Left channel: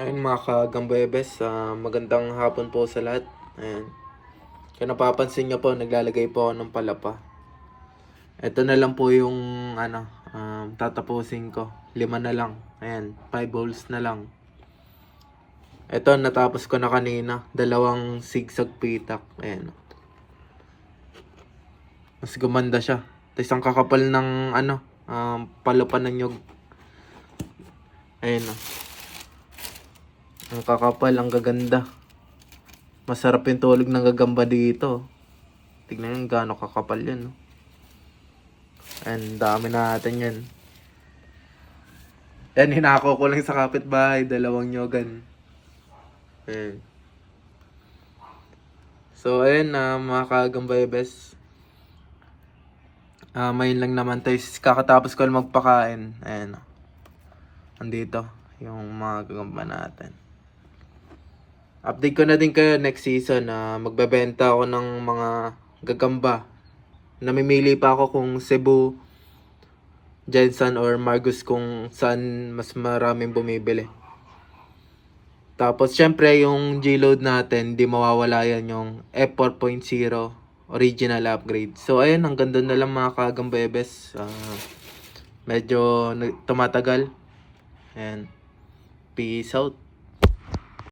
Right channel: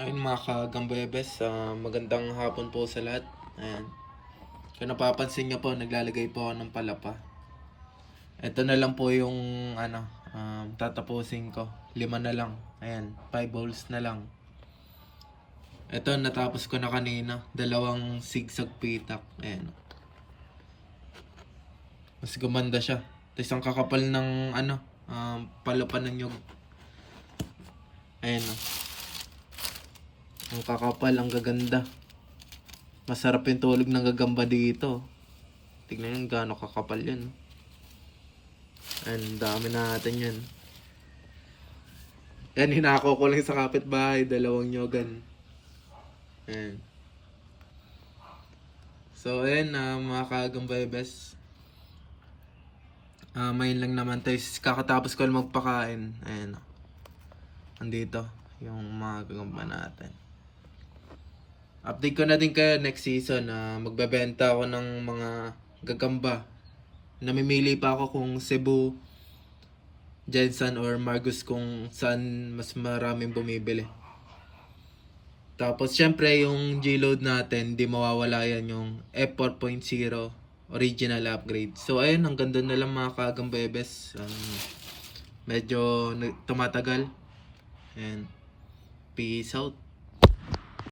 Ayun mga kagambebes, ah, magandang hapon po sa lahat. Ayan. Kung napapansin nyo po, naglalagay po ako ng palapa. Ito na lang po yung ano, um, tatapusin ko. Lima na lang. Ayan, five holes na lang. Ito, natapos ko na kanina. Dalawang zigzag pitak. Ayan. Mas gumanda siya. Tapos ang kakapal ng ano, um, palapa ng nyug. Ayan o. Ang kakapal, ang gaganda. Masarap yung tulog ng gagamba dito. Tignan nyo gaano kakapal yun. Ayan, dami natin yan. Yan, hinako ko lang sa kapitbahay. Dalawang nyogan. Ayan. So, ayan na mga kagambebes. Ah, mayin lang naman tayo. Kakatapos ko lang magpakain. Ayan. oh. Andito. Yung mga gagamba natin. Update ko na din kayo next season na magbebenta ako ng mga gagamba. Namimili pa ako kung Cebu, Jensen or Margus kung saan mas maraming bumibili. Tapos syempre yung G-load natin, di mawawala yan yung F4.0 original upgrade. So ayun, hanggang doon na lang mga kagambebes. Ah, medyo tumatagal. And peace out.